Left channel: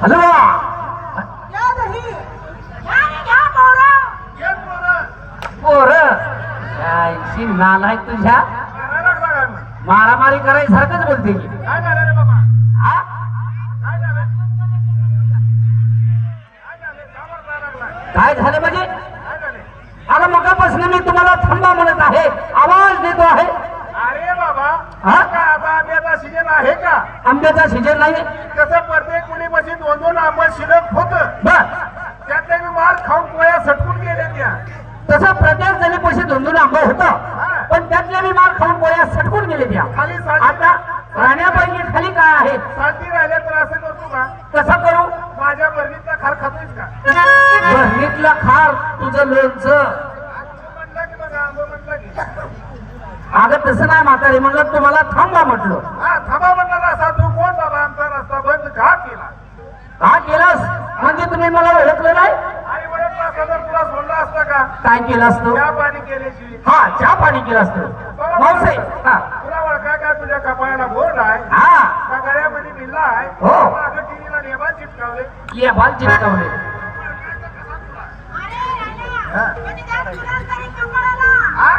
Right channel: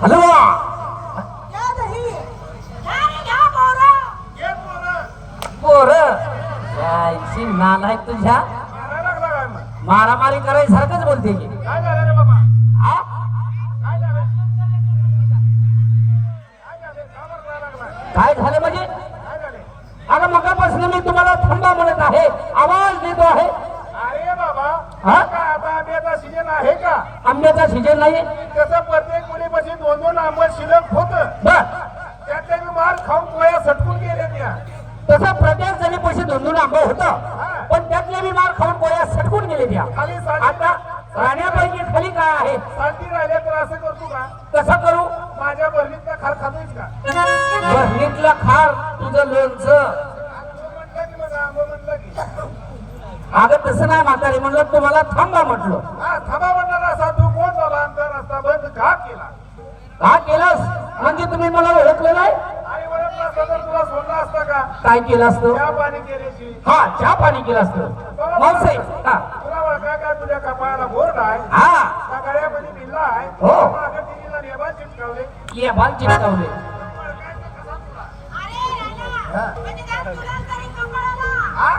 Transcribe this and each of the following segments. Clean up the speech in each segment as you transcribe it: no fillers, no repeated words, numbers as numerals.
Hello पोर नालाय तुझ्या मारामारी करायसारखंच बोलते की हा? काय झालं म्हणजे अगं मगापासून मी तुम्हाला थांबा म्हणत आहे आवाज देतो आहे अरे बाबा हा? का आता आंब्याचा सीजन आहे का आंब्याचा सीजन नाही कसं प्रत्येक मुलीपाशी 2-2 आंबट शिल्लक होत बर त्यातले मी मार खाऊन पोया सटकून गेले त्या तसं प्रत्येक जणी पैसे दोन आंबा होतं पण त्यातल्या मी मार खाऊन गोळ्या सटकून गेले त्या खाली आता राहण्यापैकी खाली काय आहे साथी राहिले तर असं करतो का कसं करू माझ्या बरणीतला खार खातोयस का बरणीतला खार तुझं लोणचं म्हणलं की बघा आंबा म्हणलं की अगं तसं नाही म्हातारी म्हणलं तुम्हाला थांबा म्हटलं हा थांबा म्हणला असा तू कोण बाबा आमचा रस्ता बंद का केला का केलंस म्हणजे तुम्ही मला ओळखलं नाही आणि म्हणत असं तर तुला सोडलं असतं का काय केलं असतं चहा पाणी केल्याची हा चहा पाणी केलं असतं मावसे हा तुला ओळखाय का तुझ्या कपाळाला बोर्ड आहे हा त्या गळ्यामध्ये बिल्ला आहे हो. मागं टीव्हीला नेबाल चिटकावले ये बाल चिटकावले हा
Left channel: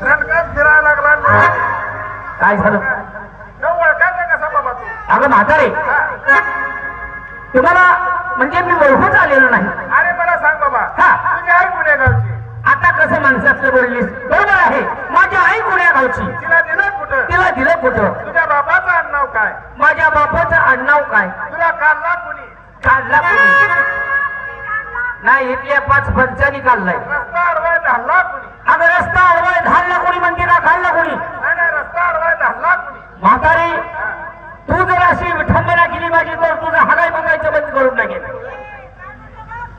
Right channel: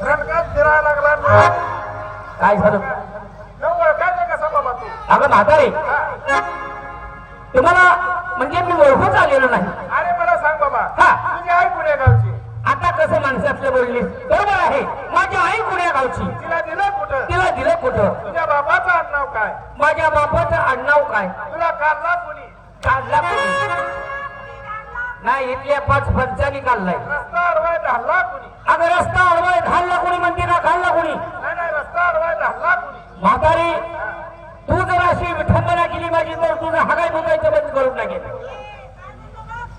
रटकात फिरायला लागला ना. काय झालं न ओळखायचं कसा बाबा तू अगं म्हातारे तुम्हाला म्हणजे मी ओळखूच आलेलो नाही अरे मला सांग बाबा हा. तुझी आई पुणे गावची आता कसं माणसातलं बोललीस बरोबर आहे माझी आई पुण्या गावची तिला दिलं कुठं तिला दिलं कुठं तुझ्या बापाचं आडनाव काय माझ्या बापाचं आडनाव काय तुला काढला कुणी काढला कोणी नाही इथल्या 5 पंचांनी काढलाय रस्ता अडवाय धाडला कुणी अगं रस्ता अडवाय धाडला कोणी म्हणते का काढला कोणी नाही नाही रस्ता अडवाय धाडला कुणी म्हातारे तू जर अशी विठंबना केली पाहिजे तर तुझं हगाय मुतायचं बंद करून टाकेल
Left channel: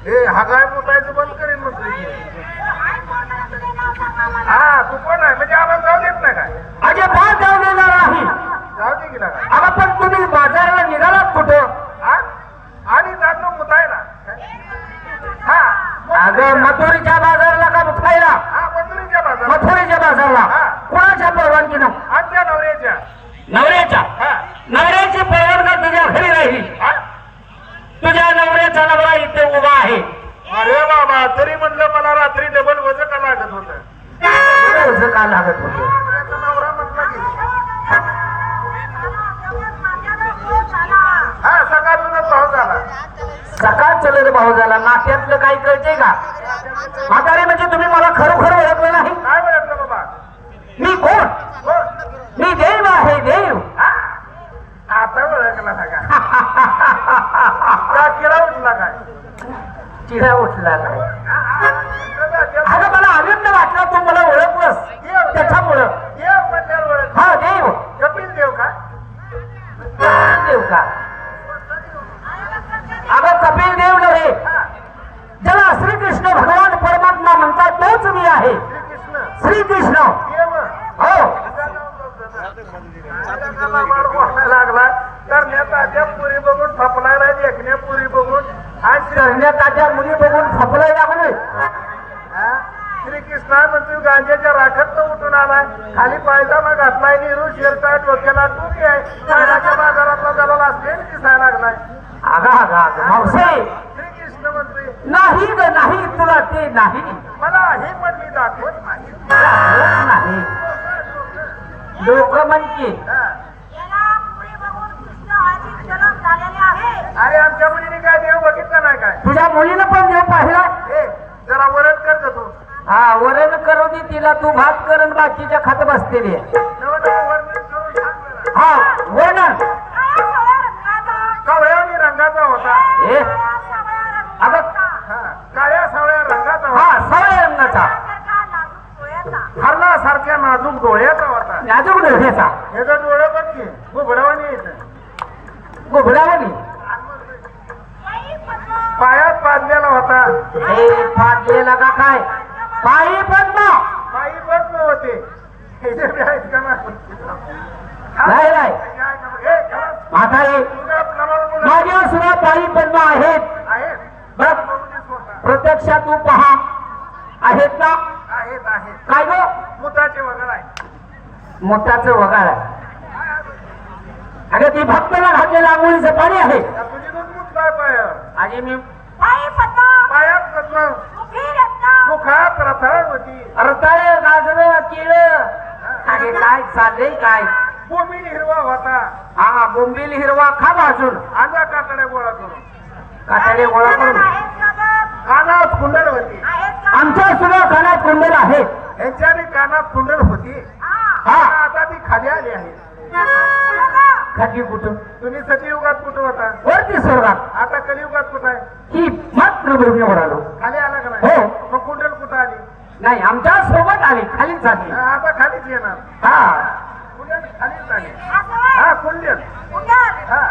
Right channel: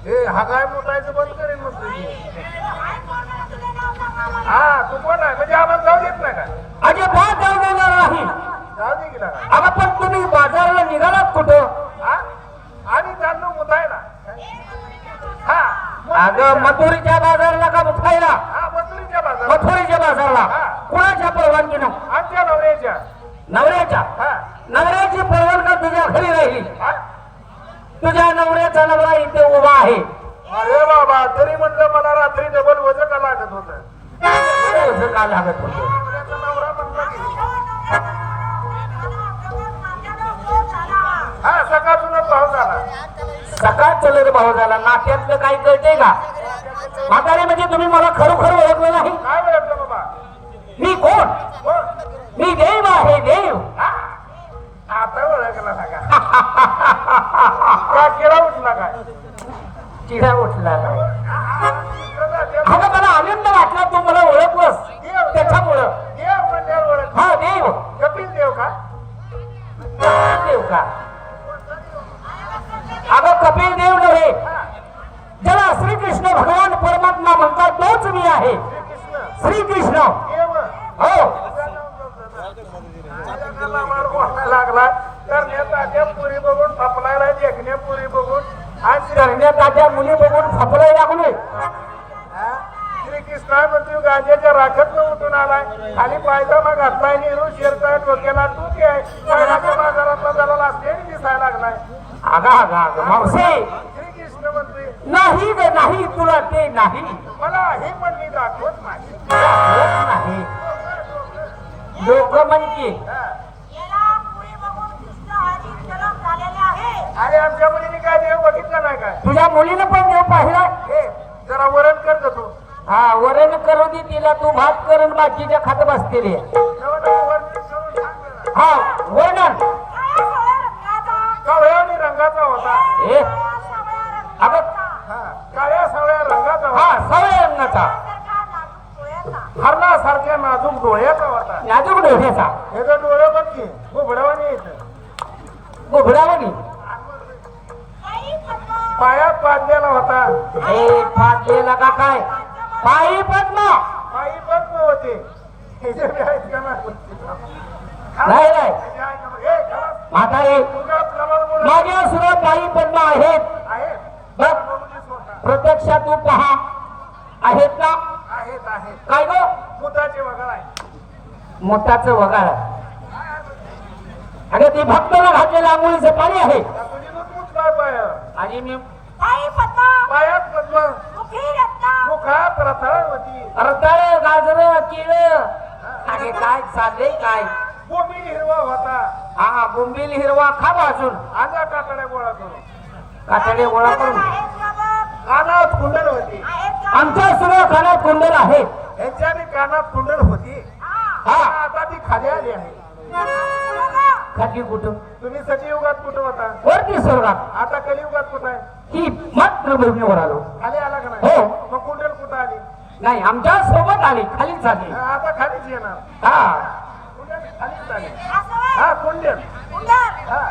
हे हगाय मुतायचं बंद करेन मग हा तू कोण आहे म्हणजे आपण जाऊ देत नाही काय अजिबात जाऊ देणार नाही जाऊ दे गेला अगं पण तुम्ही बाजाराला निघालात कुठं हा आणि जातो मुतायला हा अगं मथुरीच्या बाजारला का मुखायला हा मजुरीच्या बाजारात मथुरीच्या बाजारला कोणाच्या परवानगीनं आमच्या नवऱ्याच्या नवऱ्याच्या हा नवऱ्याची परवानगी तुझ्या घरी राहिली हा? तुझ्या नवऱ्याचा नवरा इथे उभा आहे अरे बाबा तरी म्हणलं मला रात्री डबल वजन का लागत होत तुझं का लागत होतं नवरा म्हटला की हा सकाळूनच भाव झाला सकाळ चलत भाऊ झाला नात्यातलं काही कळतंय का म्हातारे म्हणजे तुम्ही मला खरोखर ओळखलं नाही काय म्हणतो बाबा मी कोण हो? मी देव आहे देव हा? आता ओळखला ना का किडा उठला काय चिडा उठला नाही अगं मला आनंद वाटला तू मला ओळखलंस त्याच्यामुळं देव म्हणजे ओळख हा देव कपिल देव का देव का अगं कपिल देव नव्हे ज्याला श्रीकृष्ण भगवान परमात्मा म्हणतात तोच मी आहे श्रीकृष्ण श्रीकृष्ण देव हो लागला तर नेता पुरी बघून फपलायला देखण्या पुरी बघून आणि करण्यात आल्या मुली बघून फपलाय लागले श्रीकृष्ण म्हणतो गांजाच्या राखेत उठून आलाय खाली पायजामा घातलाय नेहरू शेरचा डोक्याला टोपी आहे सायनाच्या बाजारातला त्याला असले दिसायला लागलाय अगा अगा मावसे श्रीकृष्ण म्हणतोय नाही ग नाही तुला ते नाही मला हे पण मी दाखवत नाही होत नाही लोक म्हणते अरे आमच्या मुलीने काय देव बघितलं नाही काय तुझ्या मुलीनं पण देव पाहिला हे जरा वरण कर ग तू हा वरण करू दे तिला तू भात करून बाकीच्या खात बसलेली आहे. वरण करून सांग जरा. हा वर्णन काळ्या रंगाचा होता ए अगं काळ्या सावळ्या रंगाचा होता हा सावळ्या रंगाचा हरणासारख्या नाजूक डोळ्याचा होता नाजूक डोळ्याचा ह्याचं डोळं पण की घुबडावाने येत गुबडावानी पायात पाजलेला होता ए फाटलेला का काय पायी पद्मा पायी पण होते ह्याचे बी आहेत का नाही नाही हे, म्हातारे तुझं नवरा माझ्या सुद्धा पायी पद्मा आहेत आहे बघ प्रत्यक्षात तू पहा आहेत ना आहेत आहेत काय ग मुताचे वगैरे आहे मोठाचं वगार आहे अगं ती भक्ताला घातलेलं आंघोळीचं पाणी आहे तुझी दूध आणि मी पायात पद्म मुखात रथावती रताळ गाजर केळ आणि काय चाललंय काय भूमी हिरवा होता हा बोंबील हिरवा खा भाजून आजा कातड्या गोळा करून कातडे गोळा करून कानात कुंडल होती आमच्या सुद्धा कानात कुंडल आहे यांच्याने कानात कुंडल होती हा आता ती खाली आली आहे खाली कुठं तुम्ही सतयुगात कुठं होता वरती स्वर्गात आता कलियुगात कुठं आहे ही मात्र भूमीवर आलो खाली आला का नाही हो. मग कुंडल कुठं आली नाही आमच्या सोबत आली खालीच झाली आता खालीच येणार हा कुंडल खालीच आली हा कुंडल हा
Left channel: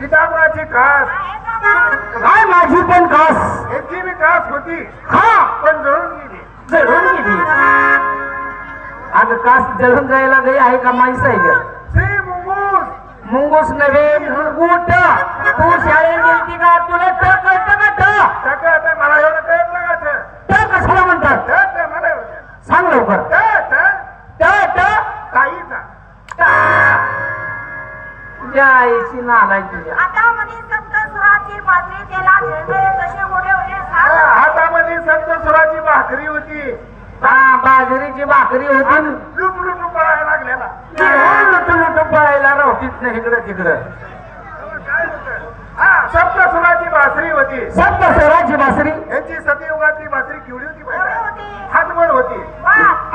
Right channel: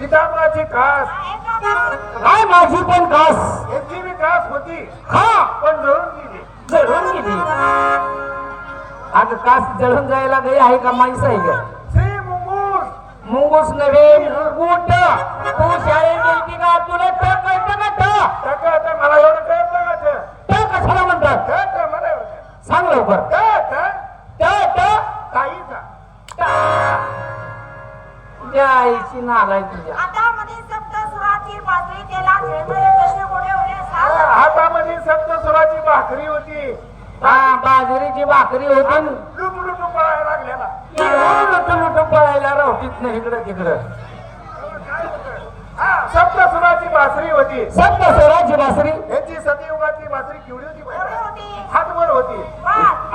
पितांबराची कास काय माझी पण कास यांची बी कास होती हा पण जळून गेली जळून गेली अगं कास जळून जायला गई आहे का माणसं आहे ग श्री मुंगूस मुंगूस नव्हे मुंगूट तू शाळेत गेलती का तुला ट कळतं का ट आता मला एवढं कळत ना का ट कशाला म्हणतात मला एवढं सांग लवकर ट ट ताईचा तुझ्या आईची नालाय तुझ्या हातामध्ये संत सुराची भाकरी होती हा बाजरीची भाकरी होती लुट लुट पळायला लागलेला लुटू पळायला रावटीत नाही इकडं तिकडं हा सप्त सुराची बासरी होती संत स्वराची बासरी यांची सतयुगातली बासरी केवढी होती माहिती हातभर होती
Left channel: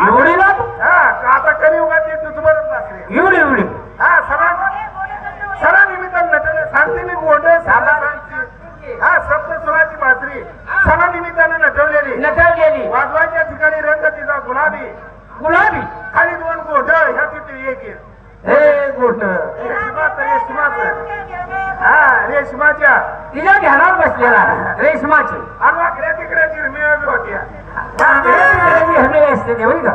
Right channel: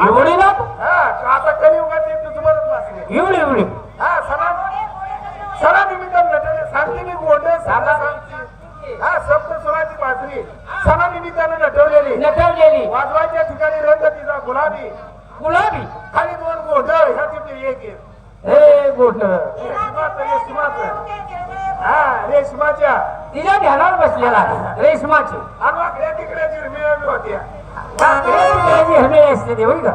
एवढी ना हा आता कलियुगातली तुझभरच बासरी एवढी एवढी हा सणा निमित्त नटले सांगते मी गोंड साधासांची हा सप्त सुराची बासरी सणा निमित्तानं नटवलेली नटवलेली वाजवायच्या ठिकाणी रंग तिचा गुलाबी गुलाबी खाली दोन गोंधळ ह्या तिथे एक आहे. हे गोट रेशमाचं हा रेशमाच्या तिच्या ध्यानावर बसलेला रेशमाची आणि वाकड्या तिकड्या चिरमिळ्या बी होत्या हिरमेली असते ते होई का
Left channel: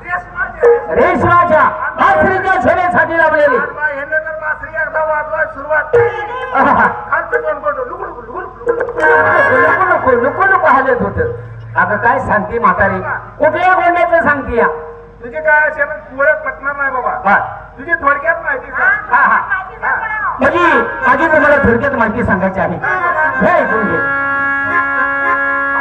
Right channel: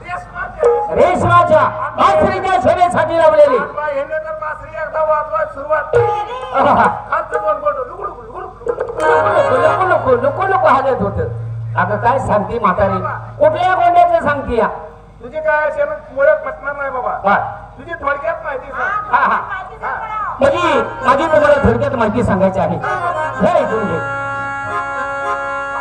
रेशमाच्या रेशमाच्या बासरीच्या छोट्यासाठी लावलेली हे जर बासरी एकदा वाजवाय सुरुवात खालचं दोन गोंधळ नको नको नको हालत होत आता काय सांगते म्हातारी कुठल्या गोंड्याचं सांगते या तुझी काय असेल ओळख पटणार नाही बाबा हा तुझी थोडक्यात माहिती सांग हा माझी तुम्हाला थोडक्यात माहिती सांगायची आहे हे ऐकून घे